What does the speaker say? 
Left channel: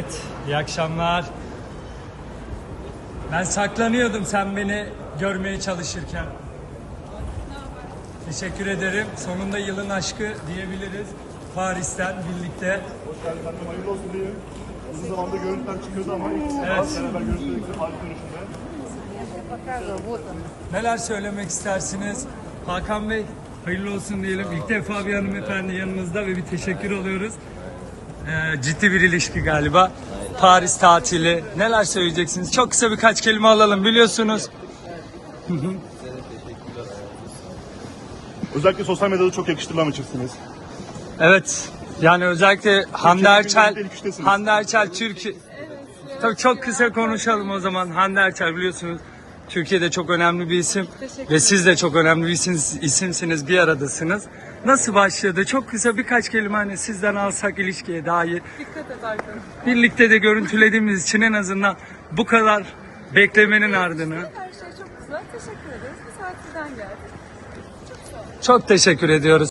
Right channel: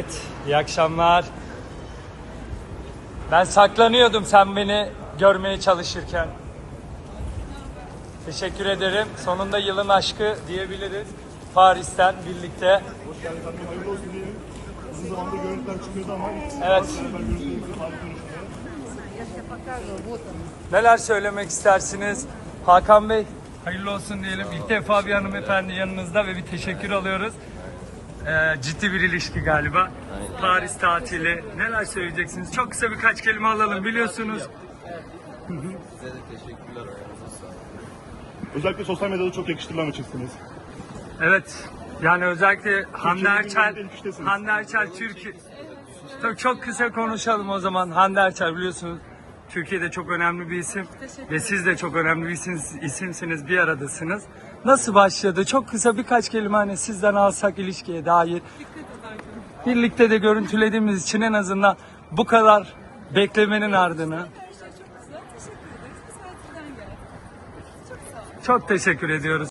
Evet, iyi akşamlar. Ben saklanıyordum sen beni görmeye çalışırken. Teşekkür ederim. Sonunda yılın aşkı diyebiliriz. Paris'ten birlikte. Uzun zamandır görüntüler çıkıyordu ama Evet. Neler söylemek istersiniz? Hakan Bey, hayırlı olsun diyelim. İlk defa bir hanımefendi yanınızda ve bir teşekkür alıyoruz. Ee, ciddi bir ilişki galiba. Paris tatili. Neler söyleyeceksiniz? Çok kısa birkaç kelime alalım biliyorsunuz. Özellikle sosyal medyada çok yakıştırmamışsınız. Evet. Yani özellikle Hande Erçel. Hande Erçel Türkiye... Tabii çok kısa konuşalım o zaman. Hande Erçel biliyorsunuz Türkiye'de çok önemli bir isim ve siz de çok önemli bir isim, isimsiniz, bir aradasınız. Nasıl başladı? Çok kısa birkaç kelime hani sizden alsak ilişkiye dair. Dikkat et Arkan. Birlikte de görüntülediğimiz için en azından bu kadar beklemenin ardını. Her şey çok güzel. Teşekkür ederiz. Bir saat sizden geldi. Çok sağ olun. Çok teşekkür ediyoruz.